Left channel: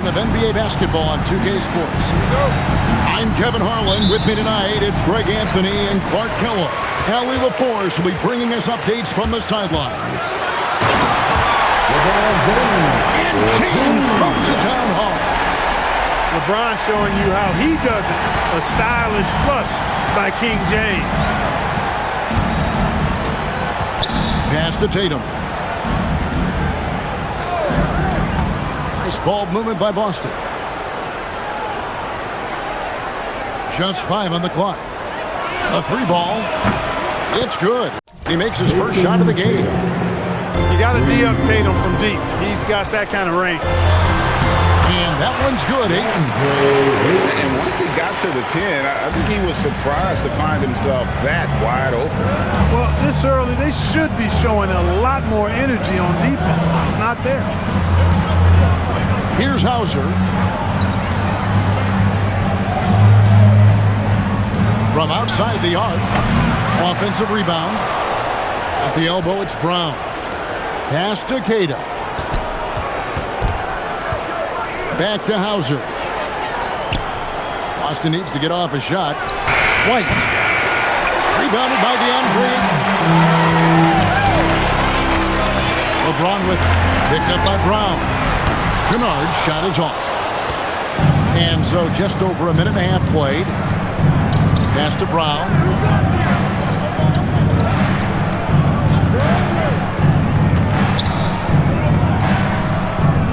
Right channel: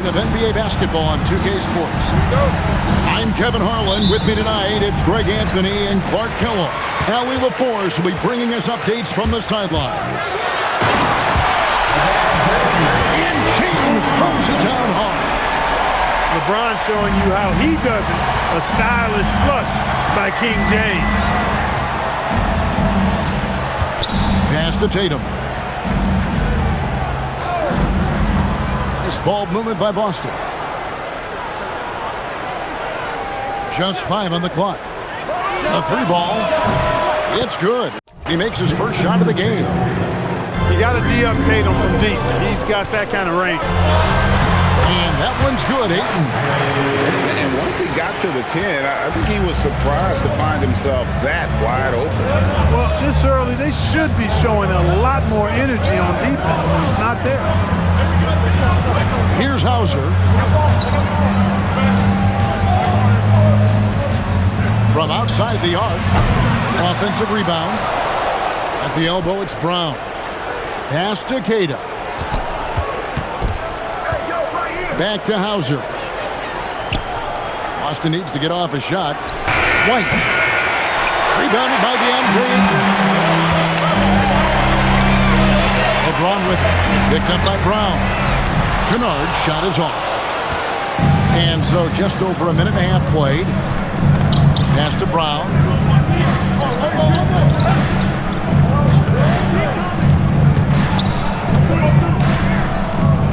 Of NBA basketball on 2K Sports. Here we go. I'm Kevin Harlan. With me tonight, it's Greg Anthony and Clark Kellogg. Allie LaForce will be bringing us updates from the sidelines. And James throws it down hard. LeBron showing you how he does it. A stylish flush by King James. Pass to Tatum. Nice ball movement by Boston. Just 5 on the clock. A 3 ball. It's good. He makes his first shot of the game. You got to D up Tatum from deep. He's got that kind of range. And that one's good, Ayton. And once he got to the 10, I think he was surprised to find himself that wide open. Well, this early, they should be showing a lot more energy on defense. It's not there. Here's Hauser. From outside the arc. Offensive rebound. At the elbow, it's Brown. Pass to Queta. Back to Hauser. Boston needs to get off a shot. White. Rebounded by DeAndre. LeBron with it. Picked up by Brown. Kennard's shot is off. And so just over a minute and a half played. Pass to Brown.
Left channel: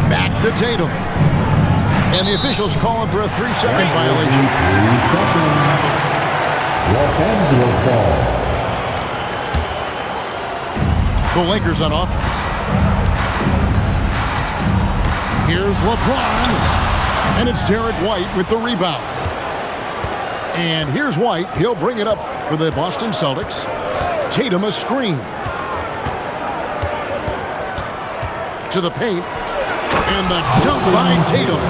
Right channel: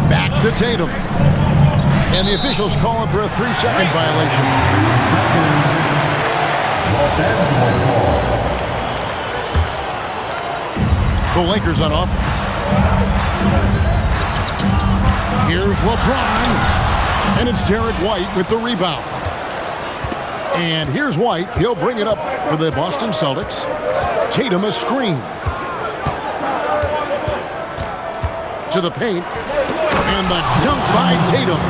Back to Tatum. And the officials calling for a 3-second violation. Los Angeles ball. The Lakers on offense. Here's LeBron. And it's Derek White with the rebound. And here's White. He'll bring it up for the Boston Celtics. Tatum a screen. To the paint. And the dunk by Tatum.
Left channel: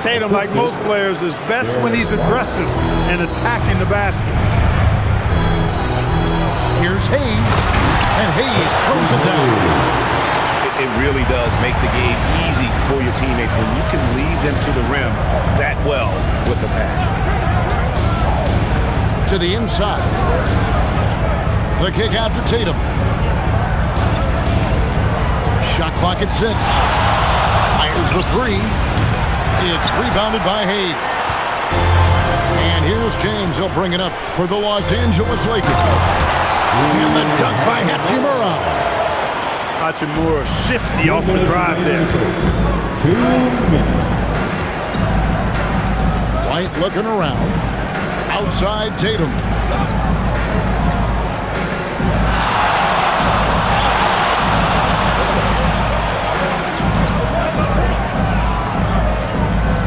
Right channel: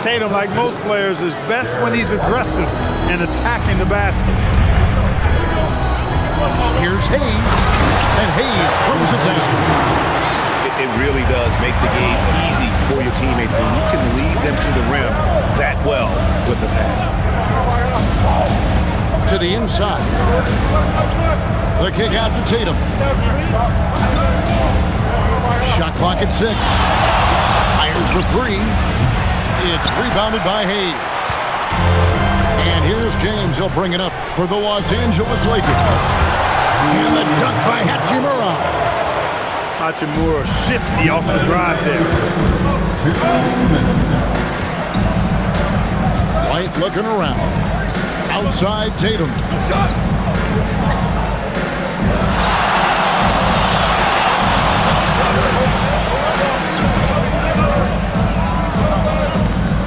Tatum, like most players, is best when he's aggressive and attacking the basket. Here's Hayes. And Hayes throws it down. It really does make the game easy for your teammates when you can lead them to the rim that well with the pass. To the inside. The kick out to Tatum. Shot clock at 6. Fires the 3. It's rebounded by Hayes. And here's James. He'll bring it up for the Los Angeles Lakers. And the dunk by Hachimura. Hachimura shifty off the drive there. 2 minutes. White looking around. Outside Tatum.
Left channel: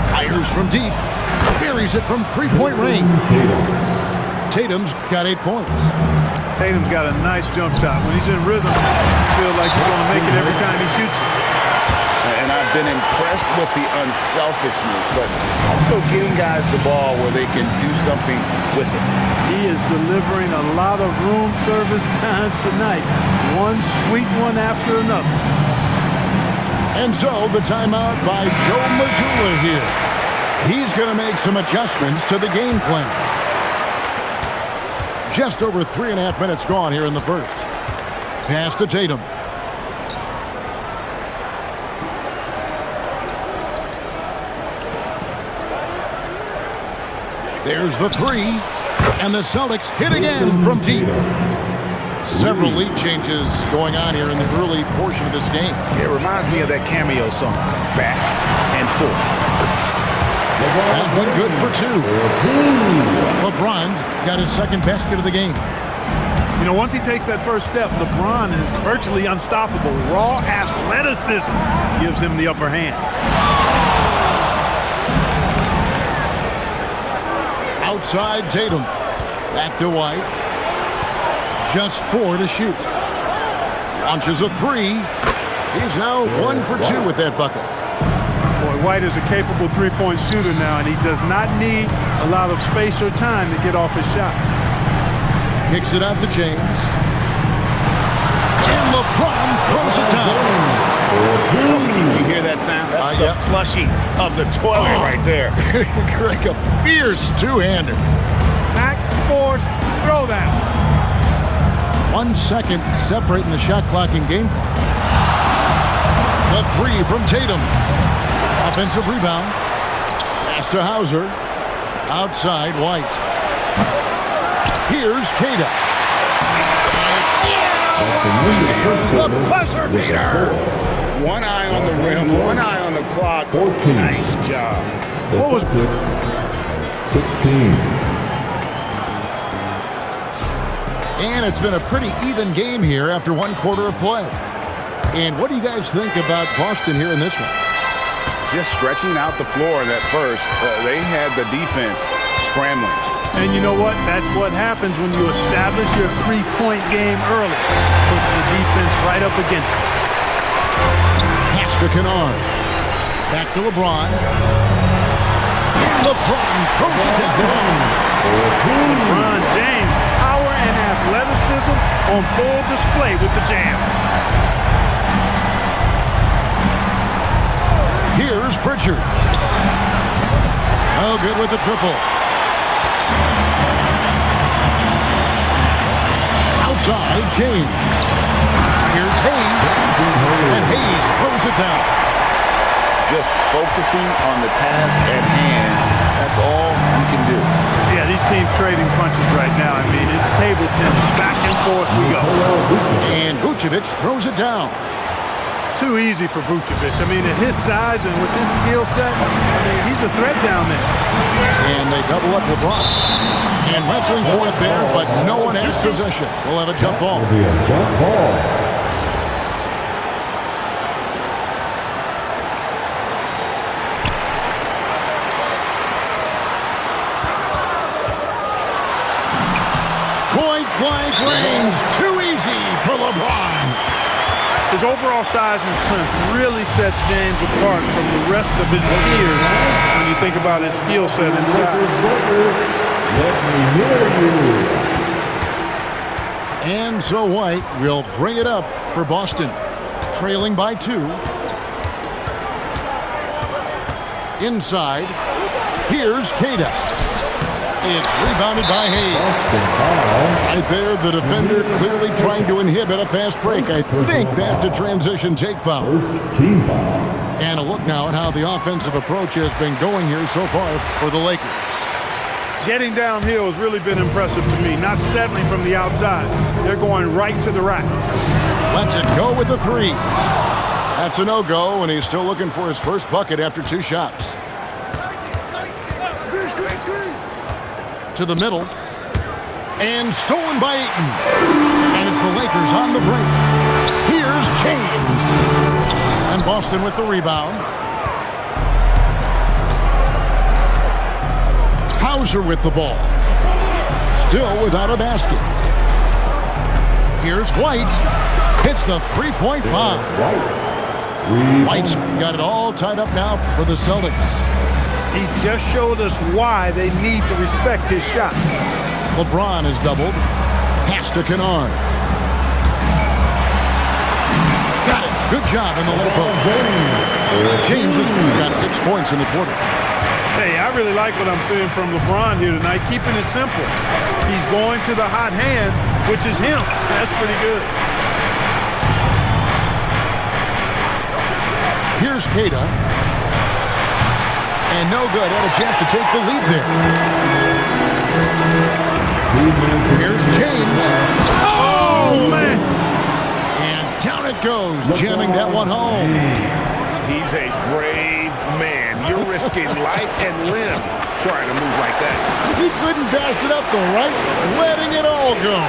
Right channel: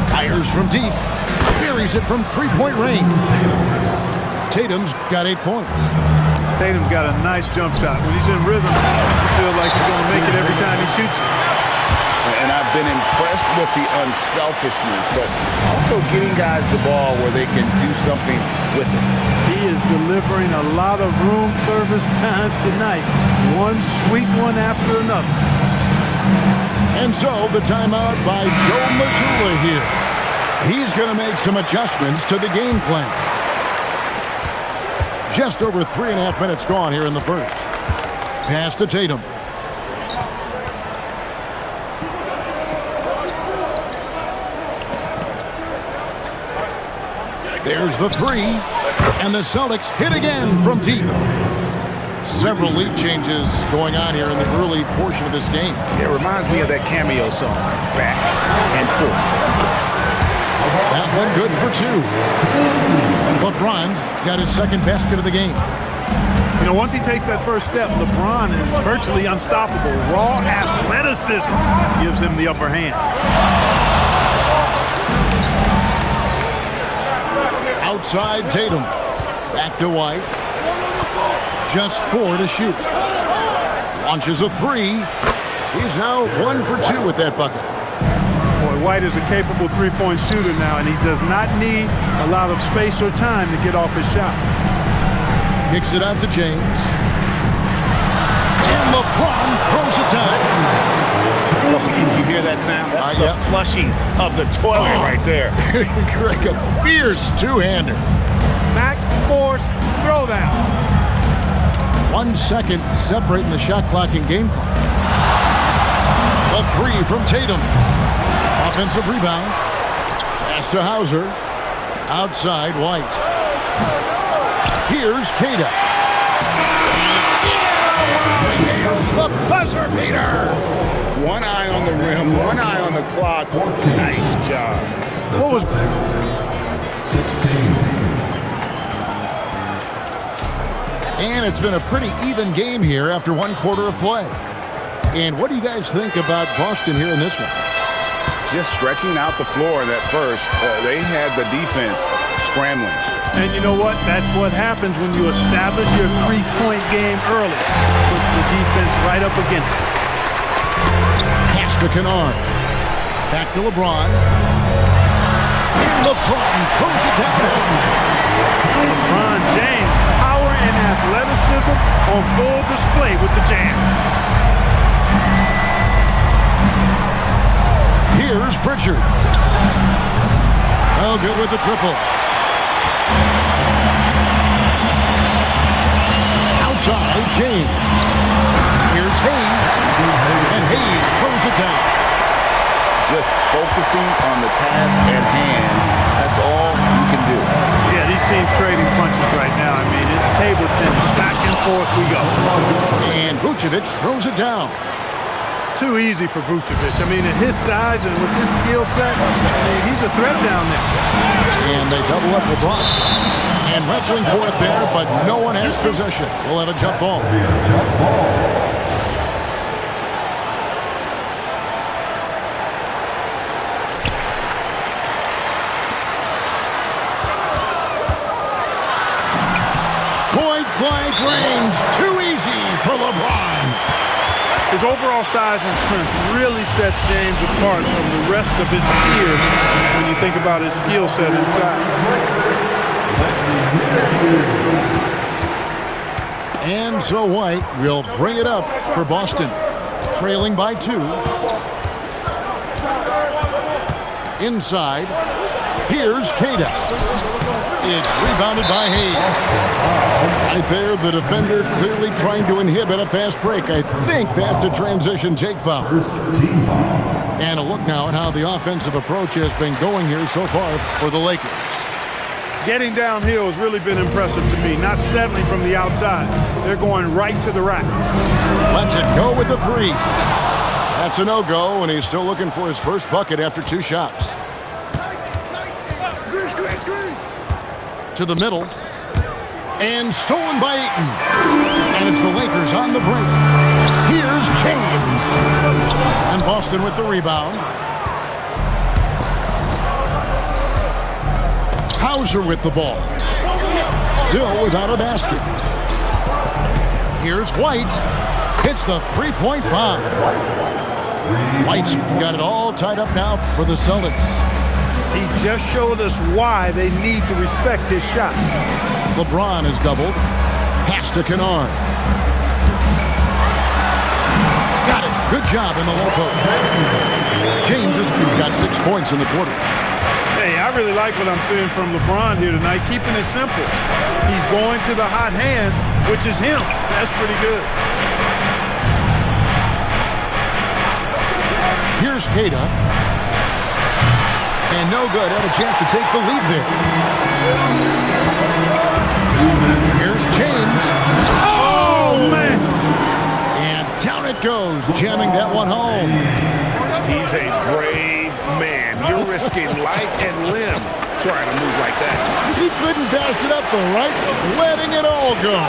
Fires from deep. Buries it from 3-point range. Tatum's got 8 points. Tatum's got a nice jump shot. When he's in rhythm, you feel like he's going to make it every time he shoots it. And I've been impressed with the unselfishness, but also getting guys the ball where they can do something with it. He is delivering a lot of room service times tonight. One sweet one after another. And so the timeout by Joe Mazzulla here. He's going to make some adjustments to the game plan. Just over 3.5 minutes gone here in the first. Pass to Tatum. There's the 3. And the Celtics hit again from deep. Several lead changes going on here in the early portion of this game. It reminds me of that cameo song, Back and Forth. That one good for 2. LeBron got his second basket of the game. You know, once he takes that first step, LeBron is virtually unstoppable. Raw athleticism gives him the upper hand. Outside Tatum. Back to White. Just 4 to shoot. Launches a 3. He's now 1 for 2 with that bucket. Boy, White is a capable three-point shooter now, and he does not need a lot of space or time to get off his shot. Kicks it out to James. And LeBron throws it down. Oh, you hear that sound? That's the yep. flushing of the toilet right there. Greg, a fierce two-hander. Max Force throwdown. 1 second separating the shot clock and game clock. The three from Tatum. Offensive rebound. Pass to Hauser. Outside, White. Here's Cada. Nails the buzzer beater. One eye on the rim, one eye on the clock. 14. Nice job. What was 16. And it's been a pretty even game here after 1 quarter of play. And what do you guys think about Boston here in this one? Just stretching out the floor that first. They had the defense scrambling. And you know what? That's what happens when you establish your three-point game early. Puts the defense right up against it. Pass to Kennard. Back to LeBron. And LeBron throws it down home. LeBron James, power and athleticism on full display with the jam. Here's Pritchard. No good with the triple. Outside, James. Here's Hayes. And Hayes throws it down. Just focusing on the task at hand. That's all you can do. Yeah, these teams trading punches right now. I mean, it's table tennis. Back and forth we go. And Vucevic throws it down. Too easy for Vucevic. I mean, at his size and with his skill set, I mean, he's a threat down there. And they double up LeBron. And wrestling for it there, but no one has possession. We'll have a jump ball. Be a jump ball. Point blank range. Too easy for LeBron. His overall size and strength really sets James apart from the rest of his peers when you think about his skill set inside. Let me hear you. And so White will bring it up for Boston, trailing by 2. Inside, here's Cada. It's rebounded by Hayes. Right there, the defender clearly trying to inhibit a fast break. I think that's a transition take foul. First team foul. And a look now at how the offensive approach has been going here so far for the Lakers. Getting downhill has really been impressive to me, not settling from the outside. They're going right to the rack. Lets it go with the 3. That's a no-go, and he's still looking for his first bucket after 2 shots. To the middle, and stolen by Ayton. And it's the Lakers on the break. Here's James. And Boston with the rebound. Hauser with the ball. Still without a basket. Here's White. Hits the three-point bomb. White's got it all tied up now for the Celtics. He just showed us why they need to respect his shot. LeBron is doubled. Pass to Kennard. Got it. Good job in the low post. James has got 6 points in the quarter. Hey, I really like what I'm seeing from LeBron here tonight, keeping it simple. He's going to the hot hand, which is him. That's pretty good. Here's Cada. And no good. Had a chance to take the lead there. Here's James. Oh, man. And down it goes, jamming that one home. He's a brave man. You're risking life and limb trying to move like that. He couldn't pass it up though, right? Letting it all go.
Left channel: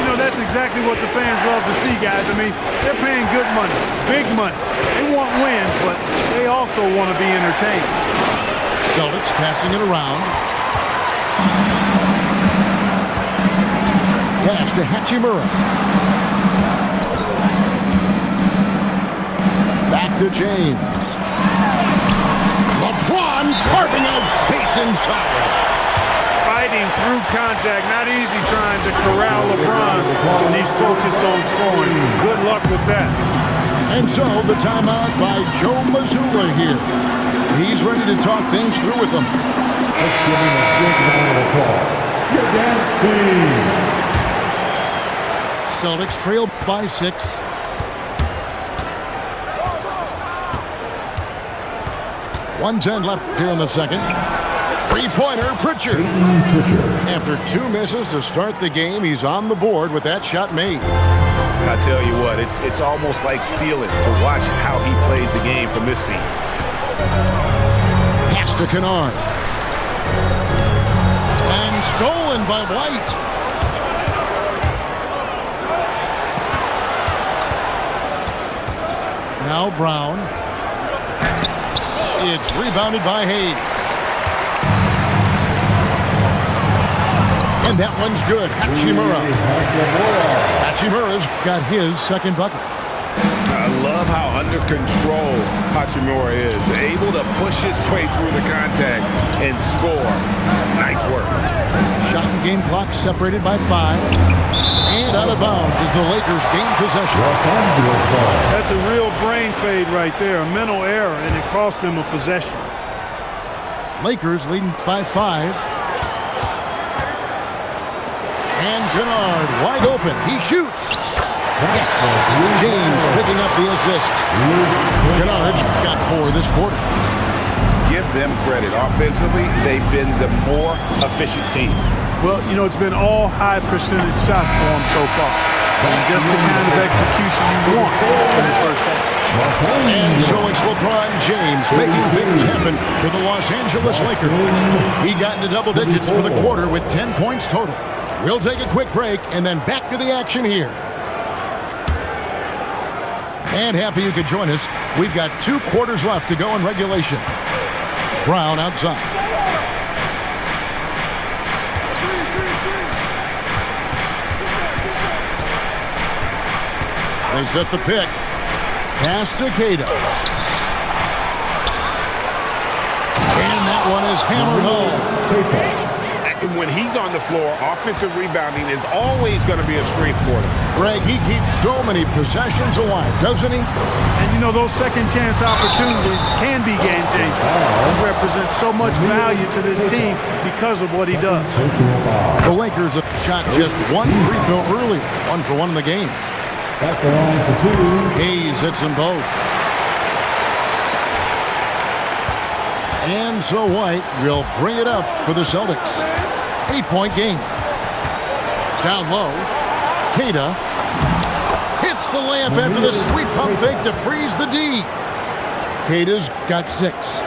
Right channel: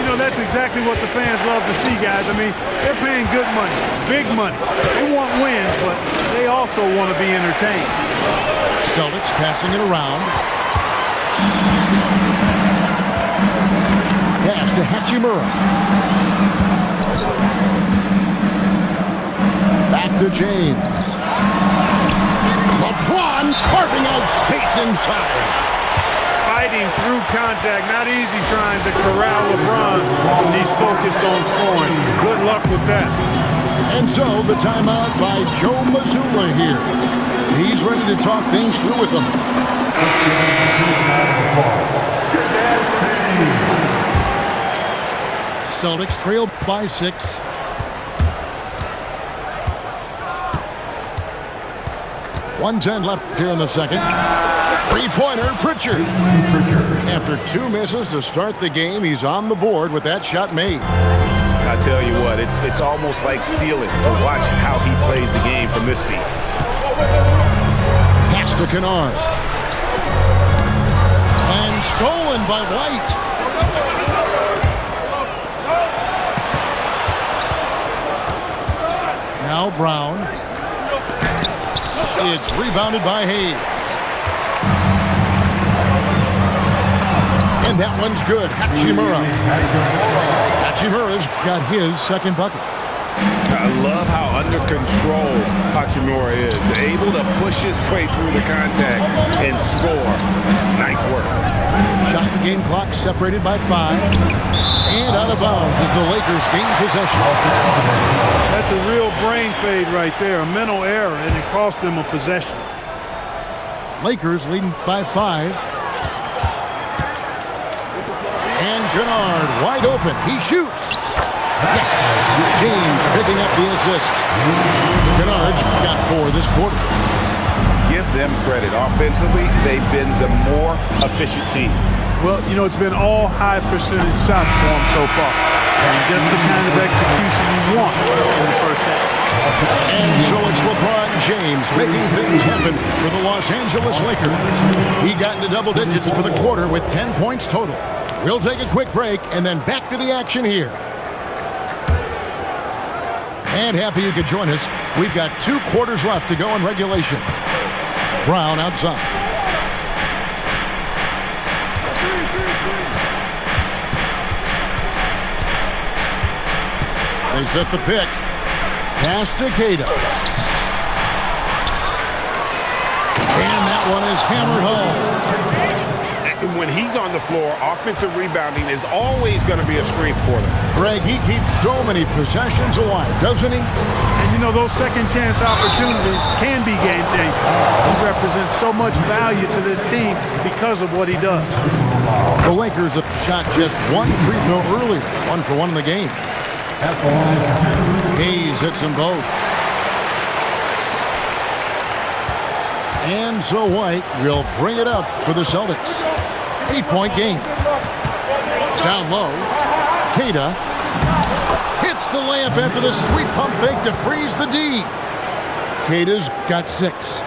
You know, that's exactly what the fans love to see, guys. I mean, they're paying good money, big money. They want wins, but they also want to be entertained. Celtics passing it around. Pass to Hachimura. Back to James. LeBron carving out space inside. Fighting through contact, not easy trying to corral LeBron when he's focused on scoring. Good luck with that. And so the timeout by Joe Mazzulla here. He's ready to talk things through with them. Let's give him a big round of applause. Get that thing. Celtics trail by 6. .110 left here in the second. Three-pointer, Pritchard. After 2 misses to start the game, he's on the board with that shot made. I tell you what, it's almost like stealing to watch how he plays the game from this seat. Pass to Kennard. And stolen by White. Now Brown. It's rebounded by Hayes. And that one's good. Hachimura. Hachimura's got his second bucket. I love how under control Hachimura is. Able to push his way through the contact and score. Nice work. Shot and game clock separated by 5. And out of bounds as the Lakers gain possession. That's a real brain fade right there, a mental error, and it cost them a possession. Lakers leading by 5. And Kennard wide open. He shoots. Yes, it's James picking up the assist. Kennard's got 4 this quarter. Give them credit. Offensively, they've been the more efficient team. Well, you know, it's been all high percentage shots for them so far. And just the kind of execution you want in the first half. And so it's LeBron James making things happen for the Los Angeles Lakers. He got into double digits for the quarter with 10 points total. We'll take a quick break and then back to the action here. And happy you could join us. We've got 2 quarters left to go in regulation. Brown outside. They set the pick. Pass to Keita. And that one is hammered home. When he's on the floor, offensive rebounding is always going to be a strength for them. Greg, he keeps so many possessions alive, doesn't he? And you know, those second chance opportunities can be game changers. He represents so much value to this team because of what he does. The Lakers have shot just 1 free throw earlier, 1 for 1 in the game. Hayes hits them both. And so White will bring it up for the Celtics. 8-point game. Down low. Keita hits the layup after the sweet pump fake to freeze the D. Keita's got 6.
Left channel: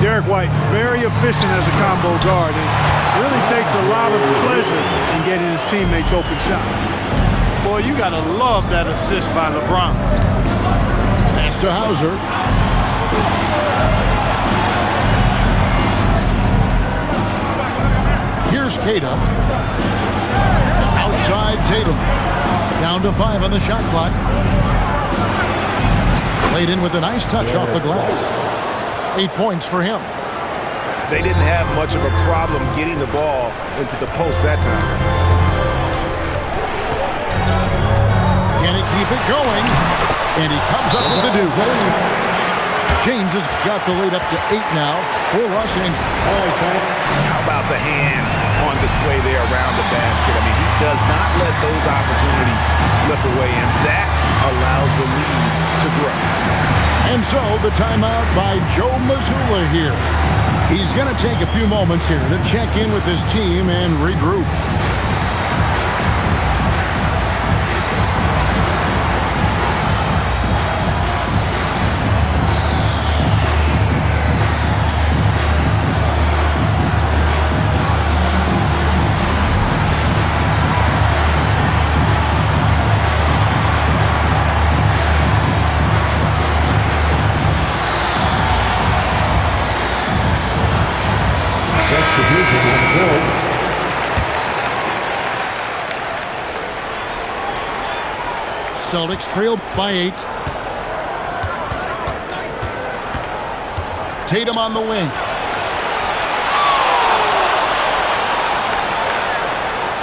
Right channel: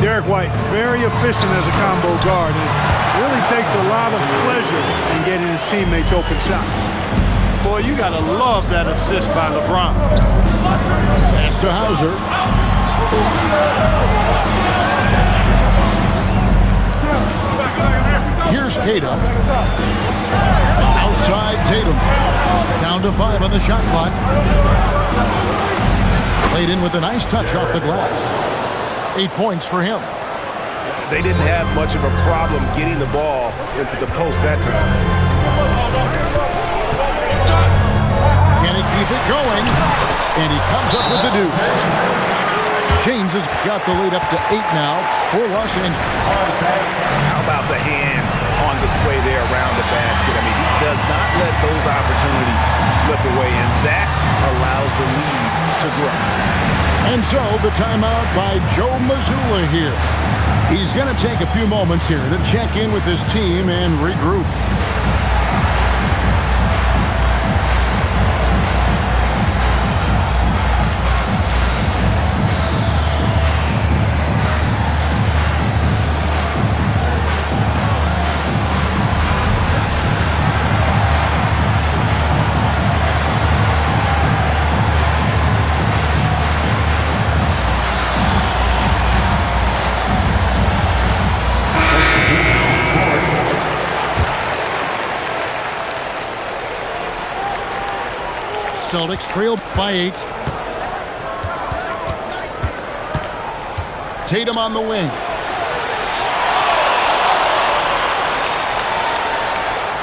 Derek White, very efficient as a combo guard, and really takes a lot of pleasure in getting his teammates open shots. Boy, you got to love that assist by LeBron. Pass to Hauser. Here's Keita. Outside Tatum. Down to 5 on the shot clock. Played in with a nice touch off the glass. 8 points for him. They didn't have much of a problem getting the ball into the post that time. Can he keep it going? And he comes up with the deuce. James has got the lead up to 8 now for Los Angeles. All right, Pat. How about the hands on display there around the basket? I mean, he does not let those opportunities slip away, and that allows the lead to grow. And so the timeout by Joe Mazzulla here. He's going to take a few moments here to check in with his team and regroup. Celtics trail by 8. Tatum on the wing.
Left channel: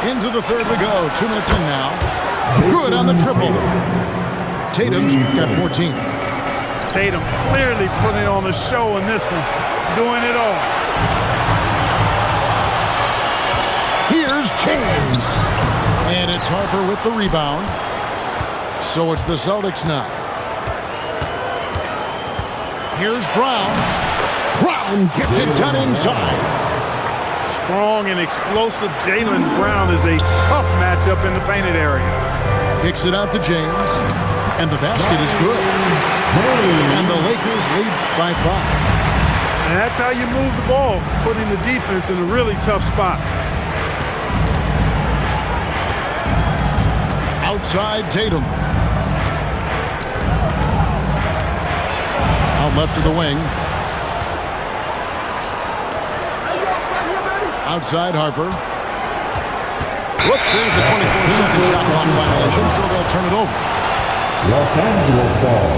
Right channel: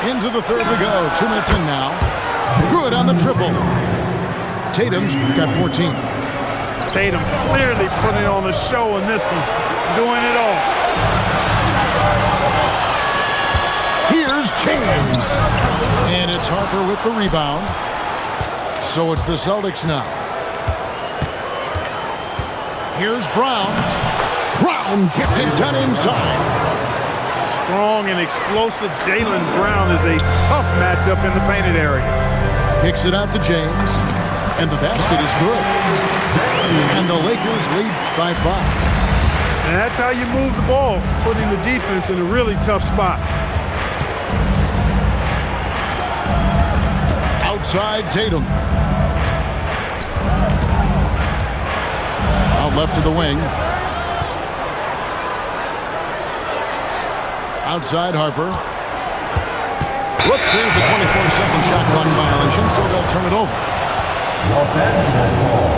Into the third we go. 2 minutes in now. Good on the triple. Tatum's got 14. Tatum clearly putting on a show in this one, doing it all. Here's James. And it's Harper with the rebound. So it's the Celtics now. Here's Brown. Brown gets it done inside. Strong and explosive Jaylen Brown is a tough matchup in the painted area. Kicks it out to James. And the basket is good. And the Lakers lead by 5. And that's how you move the ball, putting the defense in a really tough spot. Outside Tatum. Out left to the wing. Outside Harper. Whoops, there's the 24-second shot clock violation, so they'll turn it over. Los Angeles ball.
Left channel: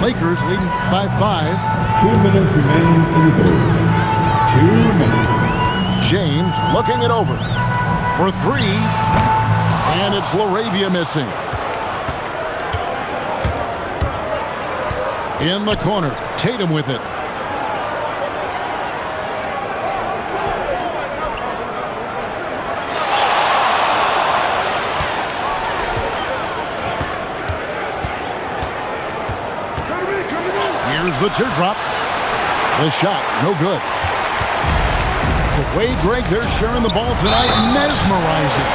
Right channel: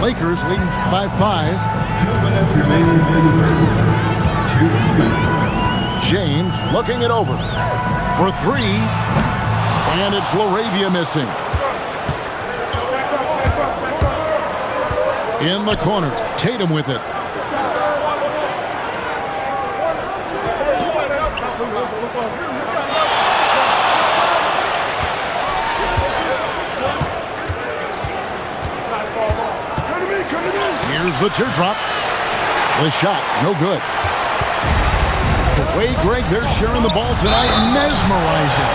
Lakers leading by 5. 2 minutes remaining in the third. 2 minutes. James looking it over for 3. And it's LaRavia missing. In the corner, Tatum with it. Here's the teardrop. The shot, no good. The way, Greg, they're sharing the ball tonight, mesmerizing.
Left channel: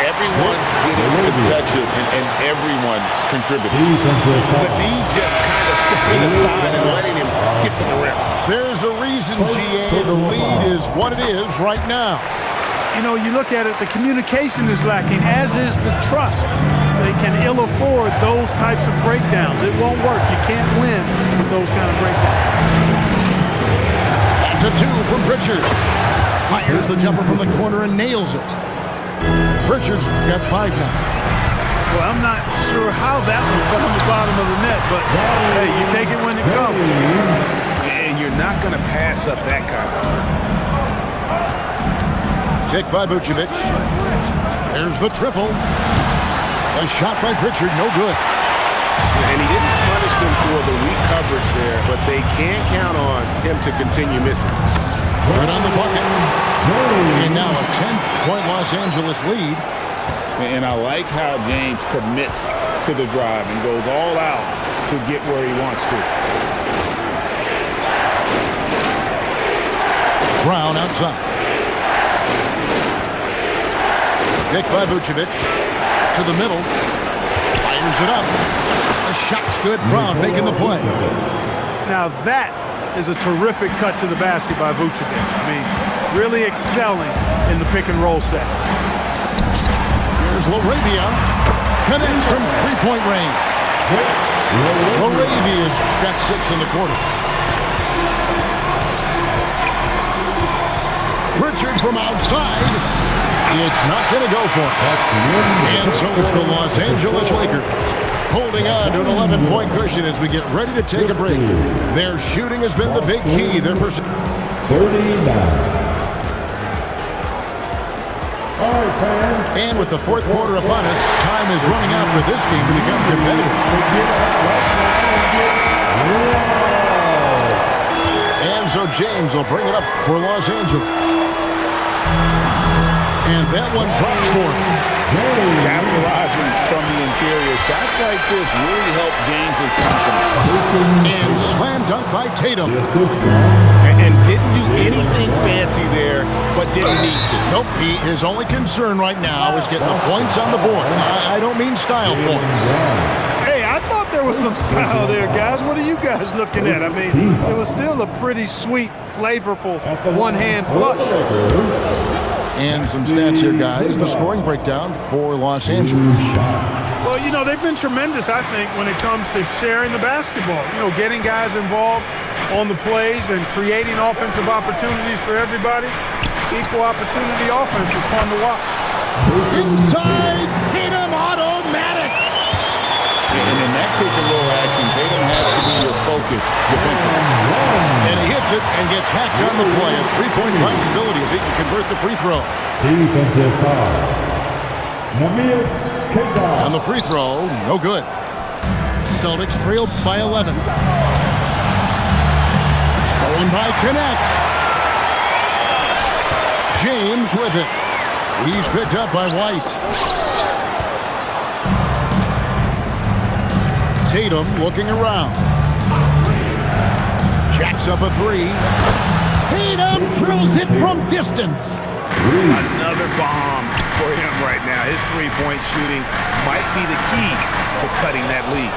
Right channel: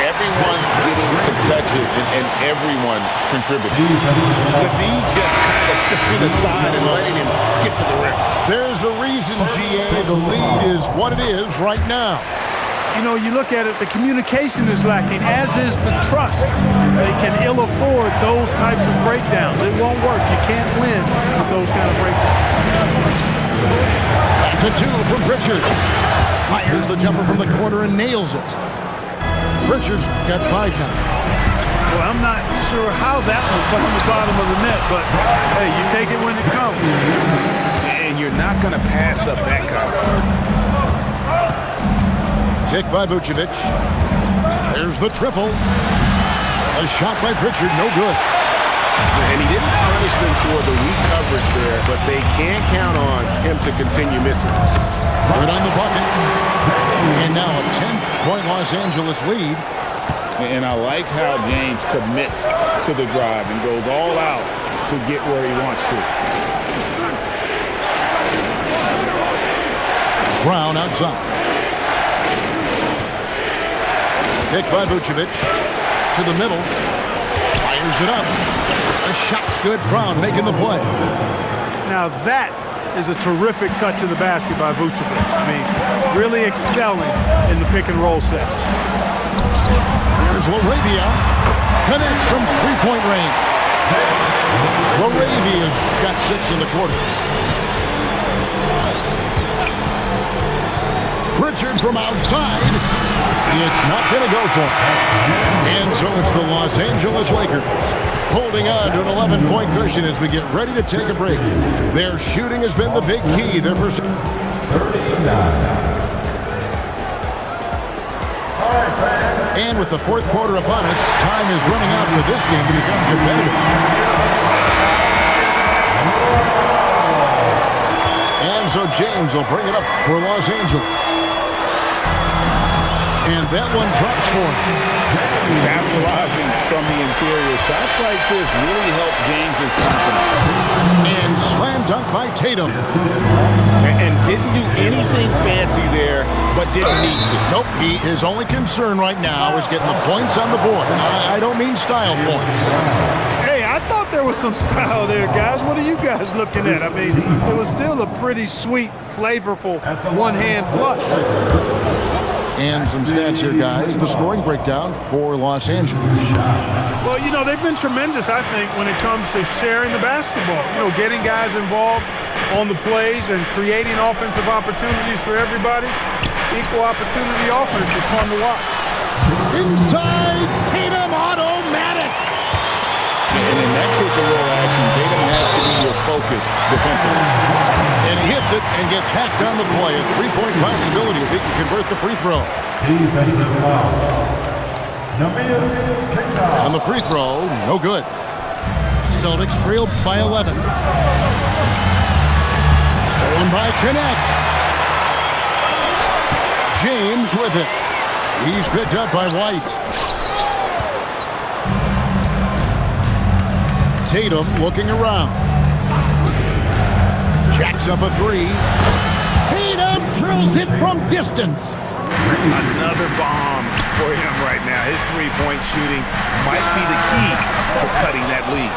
Everyone's getting to touch it, and everyone's contributing. The D just kind of stepping aside and letting him get to the rim. There's a reason, GA, the lead is what it is right now. You know, you look at it, the communication is lacking, as is the trust. They can ill afford those types of breakdowns. It won't work. You can't win with those kind of breakdowns. That's a 2 from Pritchard. Fires the jumper from the corner and nails it. Pritchard's got 5 now. Well, I'm not sure how that one found the bottom of the net, but hey, you take it when it comes. And you're not going to pass up that kind of. Kick by Vucevic. There's the triple. A shot by Pritchard, no good. And he didn't punish them for the weak coverage there, but they can't count on him to continue missing. Good on the bucket. And now a 10-point Los Angeles lead. And I like how James commits to the drive and goes all out to get where he wants to. Brown outside. Kick by Vucevic. To the middle. Fires it up. The shot's good. Brown making the play. Now that is a terrific cut to the basket by Vucevic. I mean, really excelling in the pick and roll set. Here's LaRavia. Connects from three-point range. LaRavia's got 6 in the quarter. Pritchard from outside. It's not going to go for it. And so it's the Los Angeles Lakers holding on to an 11-point cushion as we get ready to take a break. Their shooting has been the big key. Their 39. And with the fourth quarter upon us, time is running out for this game to become competitive. And so James will bring it up for Los Angeles. And that one drops for him. Capitalizing from the interior. Shots like this really help James's confidence. And slam dunk by Tatum. And didn't do anything fancy there, but didn't need to. Nope, his only concern right now is getting the points on the board. I don't mean style points. Hey, I thought there was some style there, guys. What are you guys looking at? I mean, it was still a pretty sweet, flavorful one-hand flush. And some stats here, guys. The scoring breakdown for Los Angeles. Well, you know, they've been tremendous, I think, when it comes to sharing the basketball. You know, getting guys involved on the plays and creating offensive opportunities for everybody. Equal opportunity offense is fun to watch. Inside, Tatum automatic. And in that pick and roll action, Tatum has to be your focus defensively. And he hits it and gets hacked on the play. A three-point possibility if he can convert the free throw. Defensive foul. Namias And the free throw, no good. Celtics trailed by 11. Stolen by Connect. James with it. He's picked up by White. Tatum looking around. Jacks up a three. Tatum drills it from distance. Another bomb for him right now. His three-point shooting might be the key to cutting that lead.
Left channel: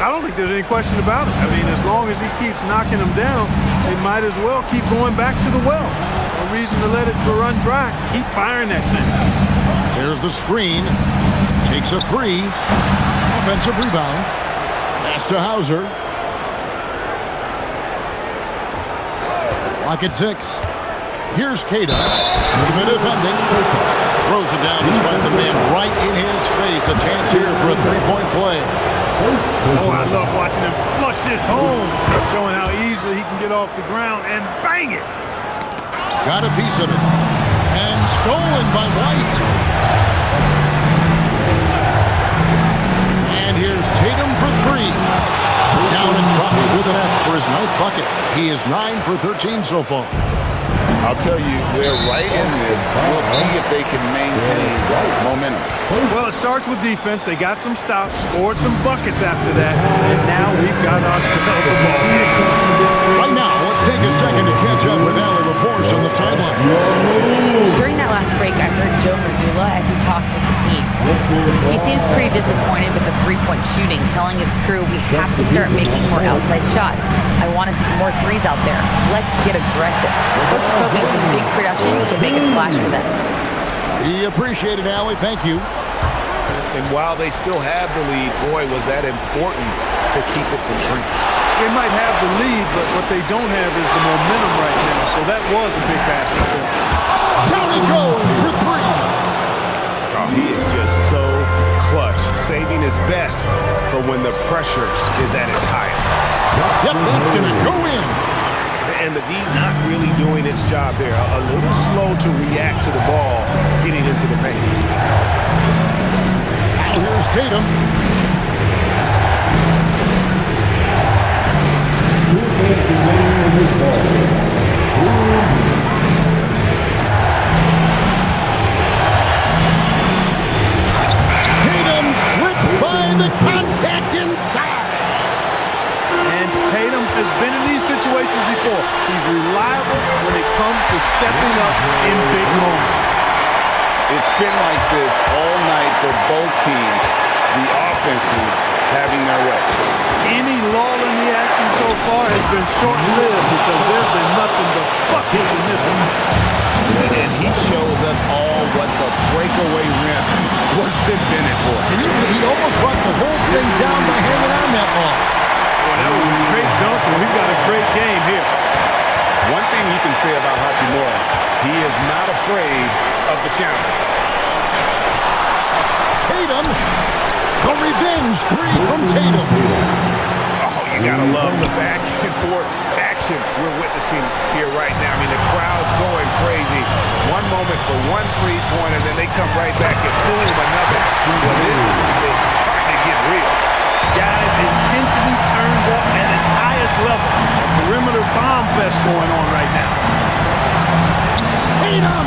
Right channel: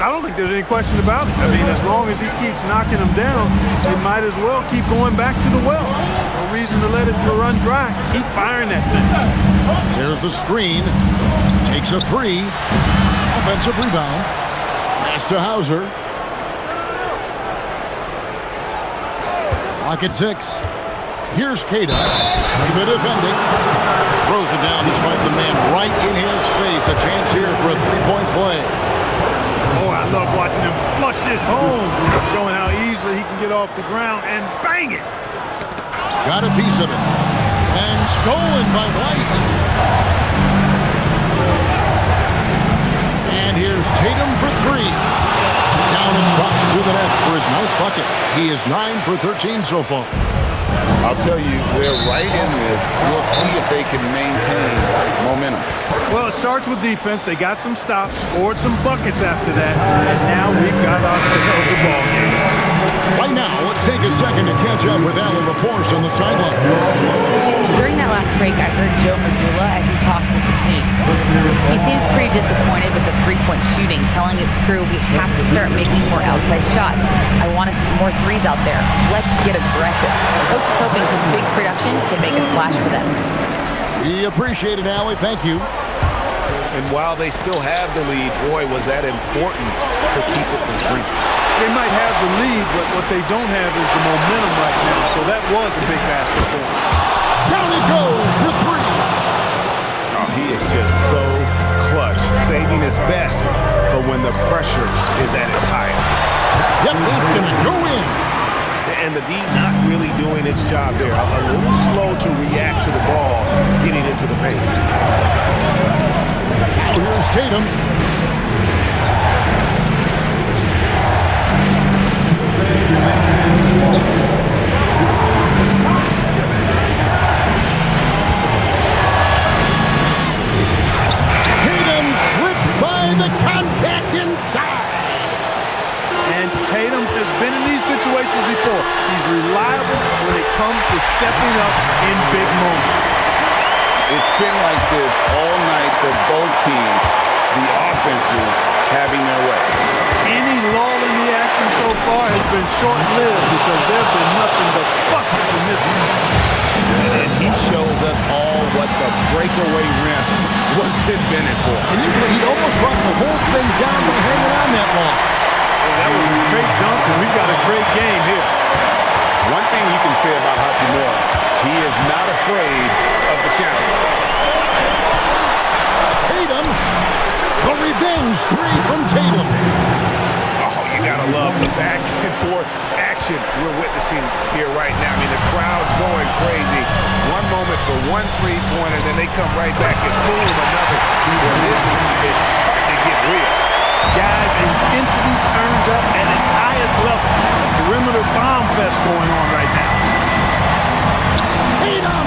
I don't think there's any question about it. I mean, as long as he keeps knocking them down, they might as well keep going back to the well. No reason to let it run dry. Keep firing that thing. There's the screen. Takes a three. Offensive rebound. Pass to Hauser. Clock at 6. Here's Cada. Even defending. Throws it down despite the man right in his face. A chance here for a three-point play. Oh, I love watching him flush it home. Showing how easily he can get off the ground and bang it. Got a piece of it. And stolen by White. And here's Tatum for three. Down and drops to the net for his 9th bucket. He is 9 for 13 so far. I'll tell you, they're right in this. We'll see if they can maintain momentum. Well, it starts with defense. They got some stops, scored some buckets after that, and now we've got ourselves a ball game. Right now, let's take a second to catch up with Allie LaForce on the sideline. During that last break, I heard Joe Mazzulla as he talked with the team. He seems pretty disappointed with the three-point shooting, telling his crew we have to start making more outside shots. I want to see more threes out there. Let's get aggressive. Coach is hoping some big production can make a splash for them. We appreciate it, Allie. Thank you. And while they still have the lead, boy, was that important to keep it from shrinking. They might have the lead, but what they don't have is the momentum right now. So that was a big basket for them. Down he goes for three. Oh, he is just so clutch, saving his best for when the pressure is at its highest. Yep, that's going to go in. And the D not really doing its job there. A little slow to react to the ball getting into the paint. Now here's Tatum. Tatum slips by the contact inside. And Tatum has been in these situations before. He's reliable when it comes to stepping up in big moments. It's been like this all night for both teams. The offenses having their way. Any lull in the action so far has been short-lived because there have been nothing but buckets in this one. And he shows us all what the breakaway rim was invented for. And he almost brought the whole thing down by hanging on that long. Boy, that was a great dunk, and we've got a great game here. One thing you can say about Hachimura, he is not afraid of the challenge. Tatum, the revenge three from Tatum. Oh, you gotta love the back and forth action we're witnessing here right now. I mean, the crowd's going crazy. One moment for one three-pointer, then they come right back and boom, another. Well, this is starting to get real. Guys, intensity turned up at its highest level. A perimeter bomb fest going on right now. Tatum,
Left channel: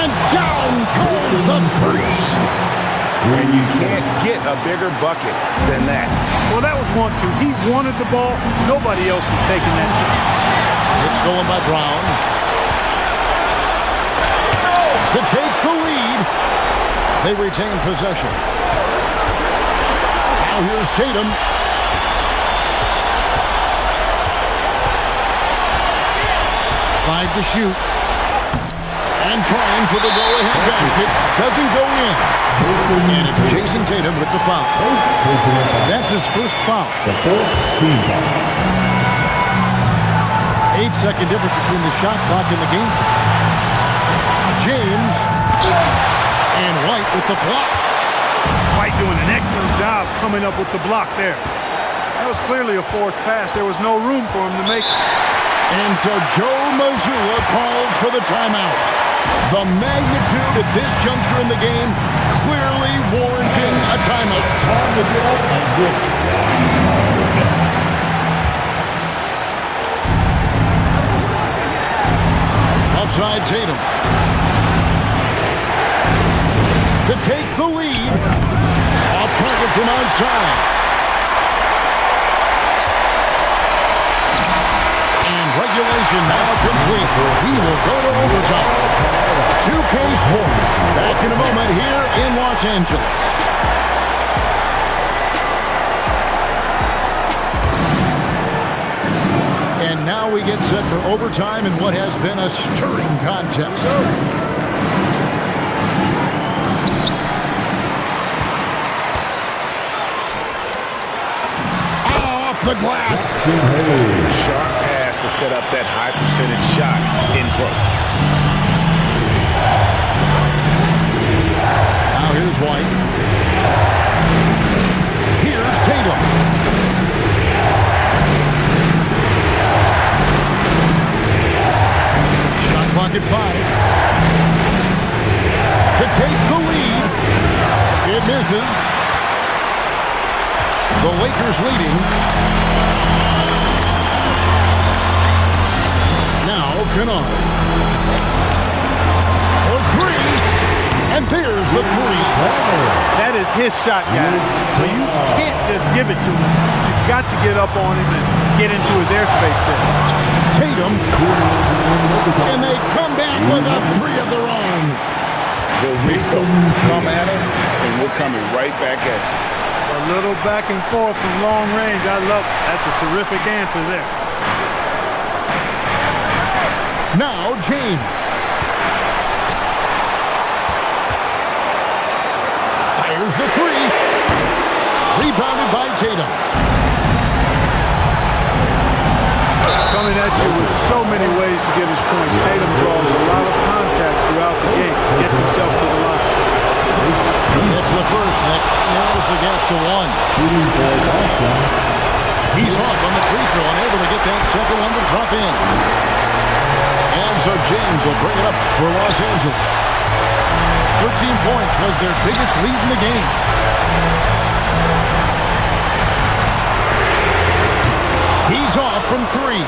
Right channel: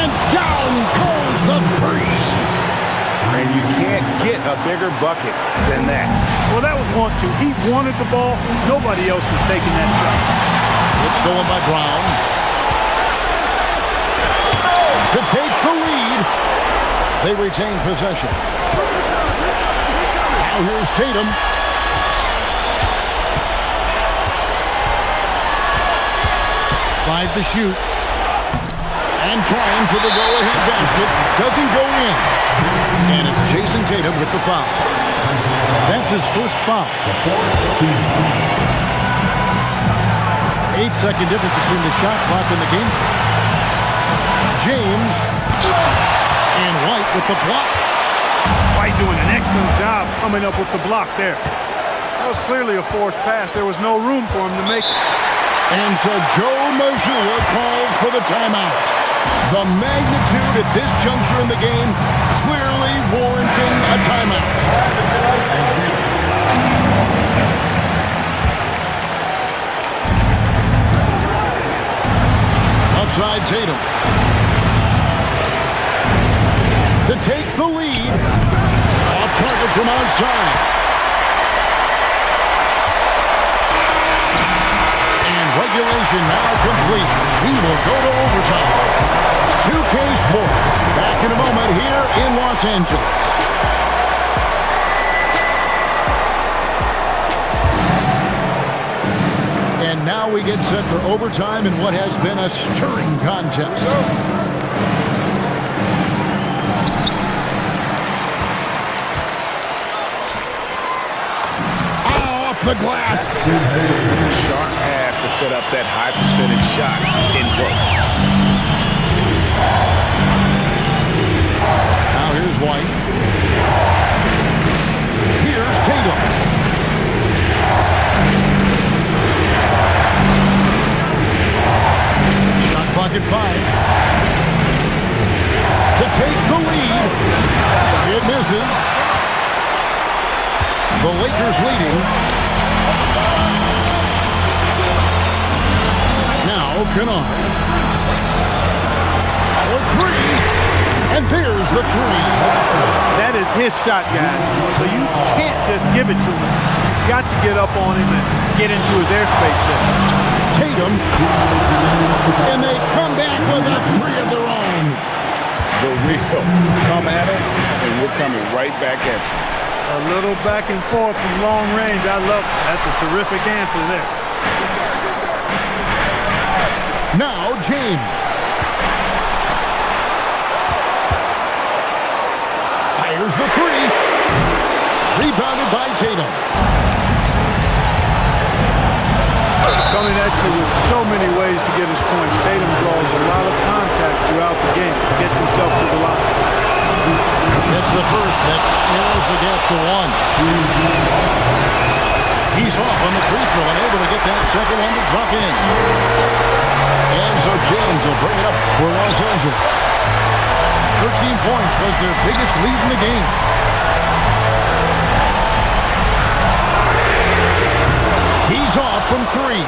and down goes the three. And you can't get a bigger bucket than that. Well, that was 1-2. He wanted the ball. Nobody else was taking that shot. It's stolen by Brown. To take the lead. They retain possession. Now here's Tatum. Five to shoot. And trying for the go-ahead basket. Doesn't go in. And it's Jason Tatum with the foul. That's his first foul. 8-second difference between the shot clock and the game clock. James and White with the block. White doing an excellent job coming up with the block there. That was clearly a forced pass. There was no room for him to make it. And so Joe Mazzulla calls for the timeout. The magnitude at this juncture in the game clearly warranting a timeout. Time to get up and get it. Outside Tatum. To take the lead. Off target from outside. And regulation now complete. We will go to overtime. 2K Sports. Back in a moment here in Los Angeles. And now we get set for overtime in what has been a stirring contest. Off the glass. Sharp pass to set up that high percentage shot in close. Now here's White. Here's Tatum. Clock at 5. To take the lead. It misses. The Lakers leading. Now Kennard. For 3. And there's the 3. That is his shot, guys. So you can't just give it to him. You've got to get up on him and get into his airspace there. Tatum, and they come back with a 3 of their own. The real come at us, and we're coming right back at you. A little back and forth from long range. I love it. That's a terrific answer there. Now James. Fires the 3. Rebounded by Tatum. Coming at you with so many ways to get his points. Tatum draws a lot of contact throughout the game. Gets himself to the line. That's the first. That narrows the gap to 1. He's off on the free throw, unable to get that second one to drop in. And so James will bring it up for Los Angeles. 13 points was their biggest lead in the game. He's off from 3.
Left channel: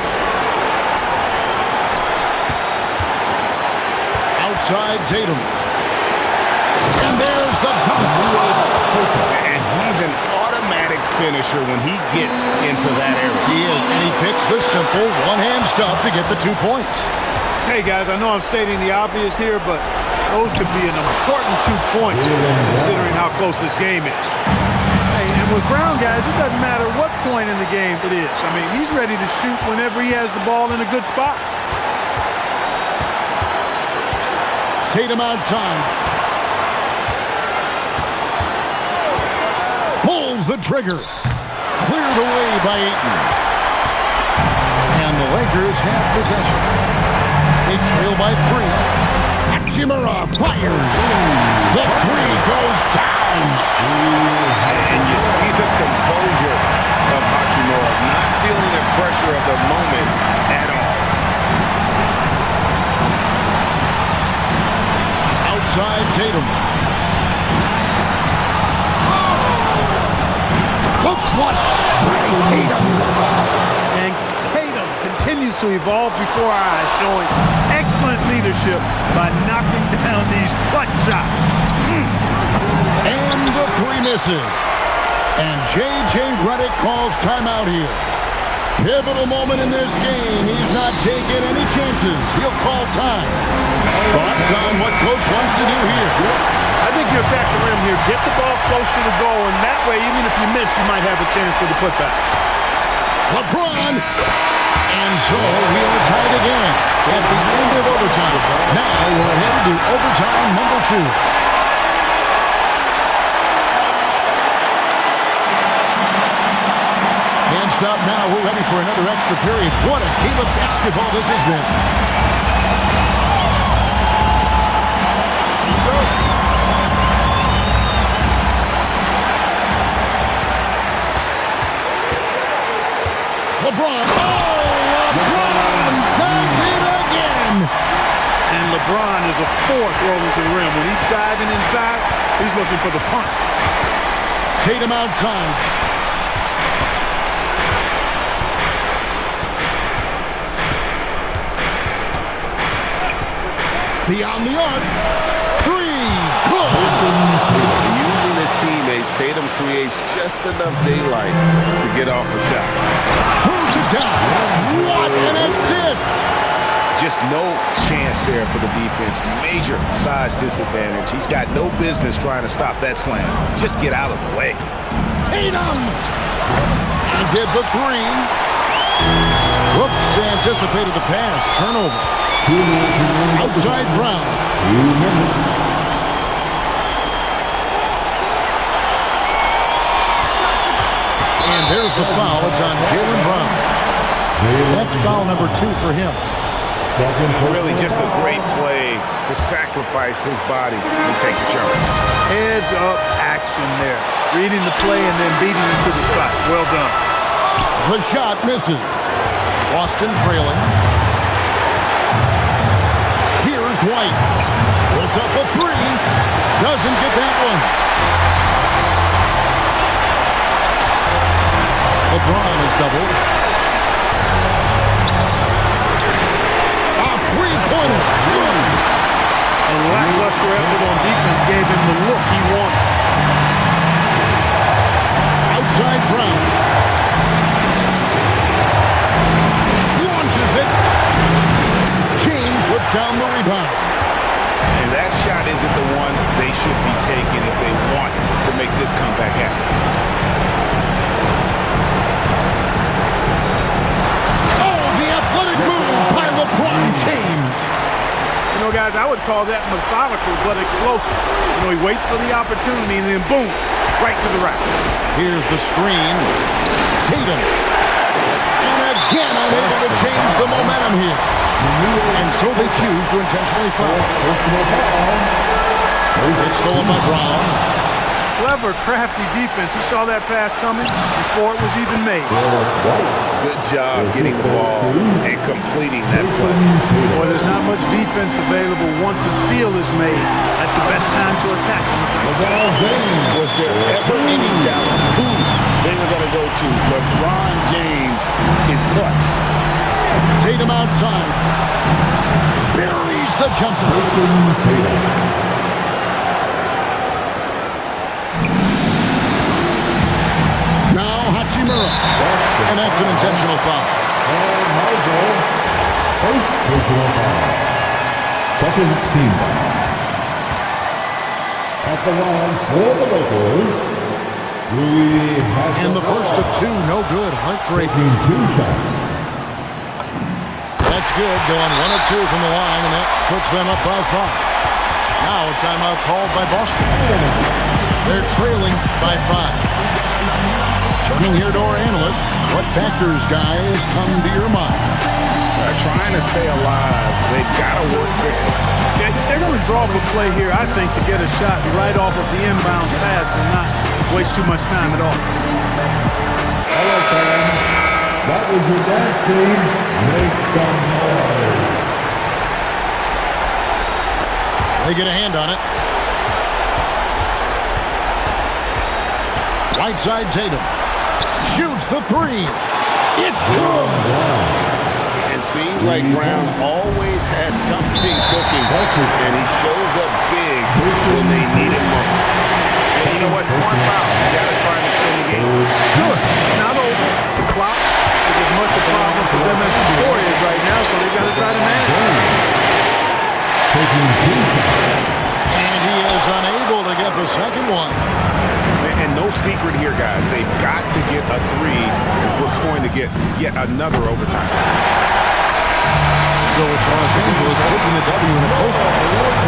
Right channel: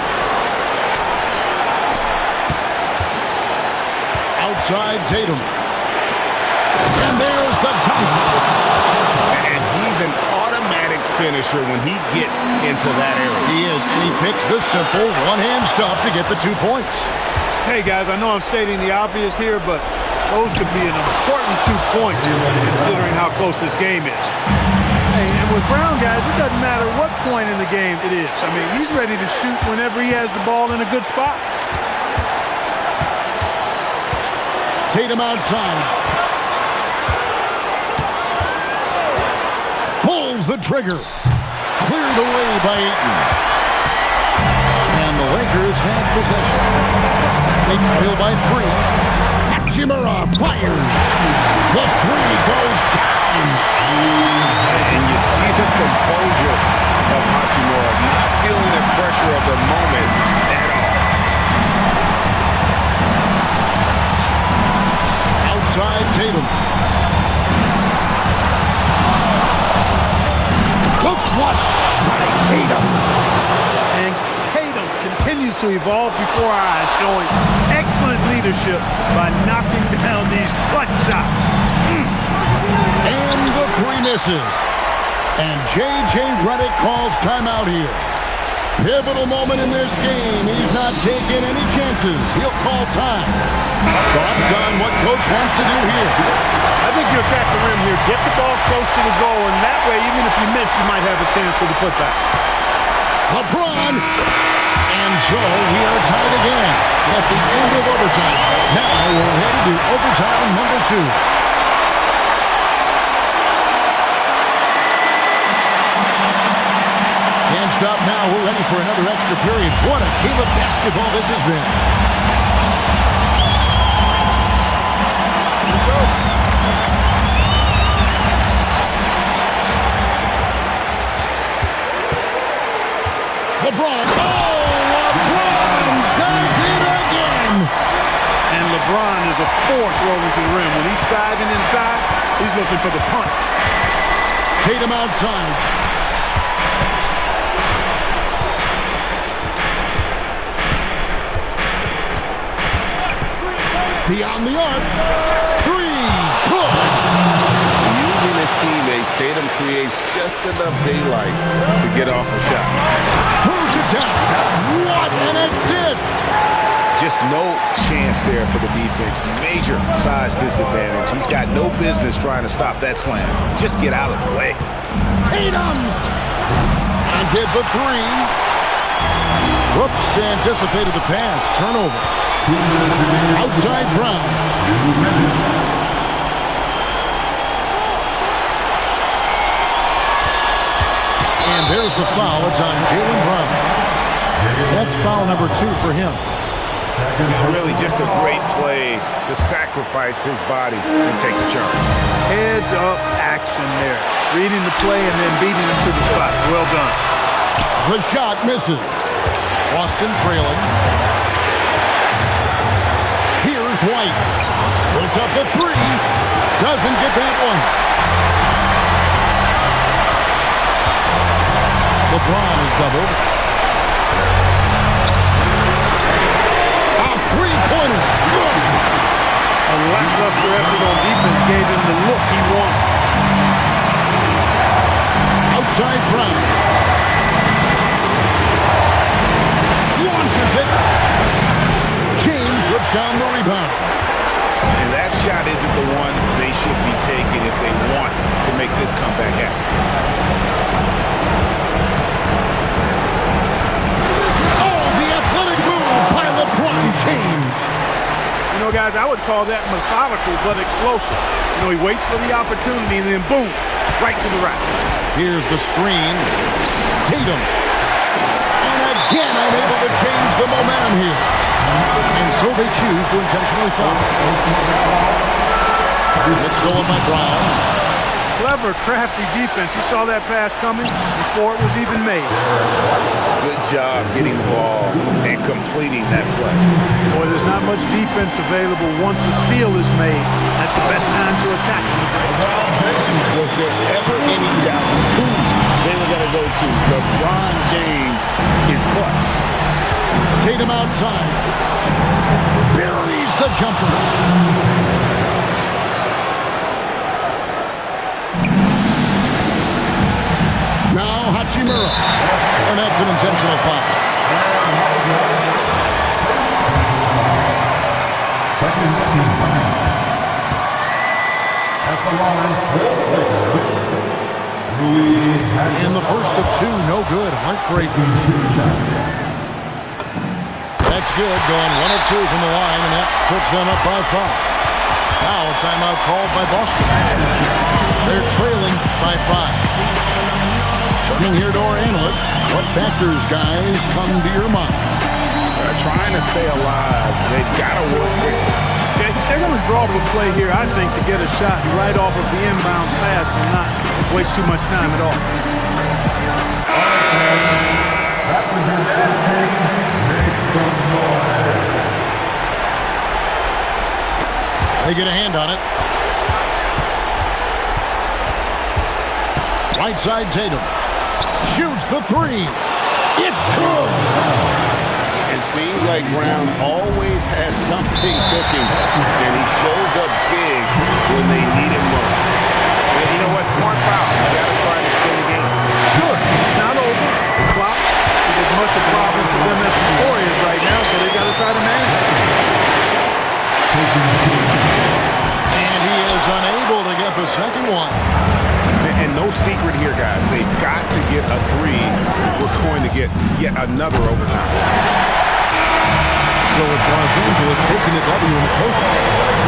Outside Tatum. And there's the dunk. And he's an automatic finisher when he gets into that area. He is, and he picks the simple one-hand stuff to get the 2 points. Hey, guys, I know I'm stating the obvious here, but those could be an important 2 points considering how close this game is. Hey, and with Brown, guys, it doesn't matter what point in the game it is. I mean, he's ready to shoot whenever he has the ball in a good spot. Tatum outside. Pulls the trigger. Cleared away by Ayton. And the Lakers have possession. They trail by 3. Hachimura fires. The 3 goes down. And you see the composure of Hachimura, not feeling the pressure of the moment at all. Outside Tatum. The flush by Tatum. And Tatum continues to evolve before our eyes, showing excellent leadership by knocking down these clutch shots. And the 3 misses. And J.J. Redick calls timeout here. Pivotal moment in this game. He's not taking any chances. He'll call time. Thoughts on what Coach wants to do here? I think you attack the rim here. Get the ball close to the goal, and that way, even if you miss, you might have a chance for the putback. LeBron. And so we are tied again at the end of overtime. Now we're headed to overtime number 2. Can't stop now. We're ready for another extra period. What a game of basketball this has been. Here we go. LeBron. Oh, LeBron does it again. And LeBron is a force rolling to the rim. When he's diving inside, he's looking for the punch. Tatum outside. Beyond the arc. Three. Good. Using his teammates, Tatum creates just enough daylight to get off a shot. Throws it down. What an assist. Just no chance there for the defense. Major size disadvantage. He's got no business trying to stop that slam. Just get out of the way. Tatum. And get the three. Whoops, anticipated the pass. Turnover. Outside Brown. 2 minutes. And there's the foul. It's on Jaylen Brown. That's foul number 2 for him. Really just a great play to sacrifice his body and take the charge. Heads up action there. Reading the play and then beating him to the spot. Well done. The shot misses. Boston trailing. Here's White. Puts up a three. Doesn't get that one. LeBron is doubled. A three-pointer. Good. A lackluster effort on defense gave him the look he wanted. Outside Brown. Launches it. James rips down the rebound. And that shot isn't the one they should be taking if they want to make this comeback happen. Oh, the athletic move by LeBron James. You know, guys, I would call that methodical but explosive. You know, he waits for the opportunity and then boom, right to the rack. Here's the screen. Tatum. And again, unable to change the momentum here. And so they choose to intentionally foul. It's stolen by Brown. Clever, crafty defense. He saw that pass coming before it was even made. Good job getting the ball and completing that play. Boy, there's not much defense available once a steal is made. That's the best time to attack on the break. Was there ever any doubt who they were going to go to? LeBron James is clutch. Tatum outside. Buries the jumper. Now Hachimura. And that's an intentional foul. First personal foul. Second team foul. At the line for the Lakers, In the first of 2, no good. Heartbreaking. 2 shots. That's good. Going 1 of 2 from the line, and that puts them up by 5. Now a timeout called by Boston. They're trailing by 5. Turning here to our analysts, what factors, guys, come to your mind? Trying to stay alive. They've got to work quickly. They're going to draw up a play here, I think, to get a shot right off of the inbounds pass and not waste too much time at all. All right, fans. That was your dance team. Make some noise. They get a hand on it. Right side Tatum. Shoots the three. It's good. It seems like Brown always has something cooking, and he shows up big when they need him most. And you know what? Smart foul. You got to try and extend the game. Sure, it's not over. The clock is as much a problem for them as the score is right now, so they've got to try to manage it. And he is unable to get the second one. And no secret here, guys. They've got to get a 3 if we're going to get yet another overtime. So it's Los Angeles taking the W in a close one.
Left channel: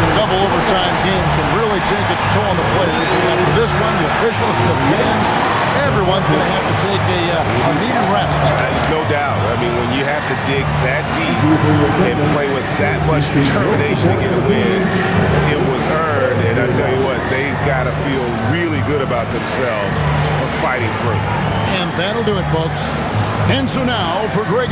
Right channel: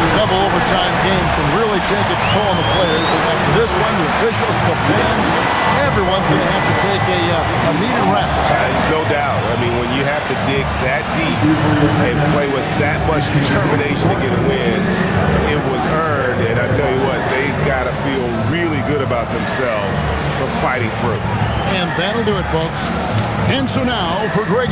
The double overtime game can really take its toll on the players. And after this one, the officials, the fans, everyone's going to have to take a needed rest. No doubt. I mean, when you have to dig that deep and play with that much determination to get a win, it was earned. And I tell you what, they've got to feel really good about themselves for fighting through. And that'll do it, folks. And so now for Greg.